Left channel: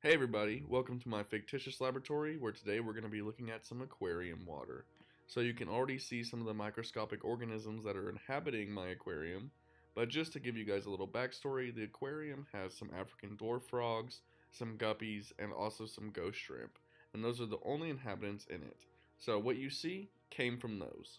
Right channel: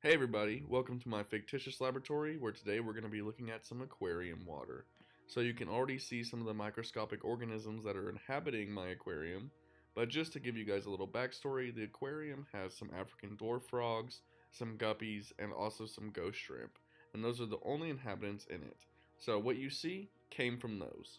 Hey everybody, welcome to my fictitious laboratory where today we're going to be looking at some aquarium water. So you can already see some of the microscopic organisms that are inhabiting my aquarium, but just to give you guys a little backstory, the aquarium has some African dwarf frogs, some guppies, and also some ghost shrimp, and those are the only inhabitants in it. So what you see came from those.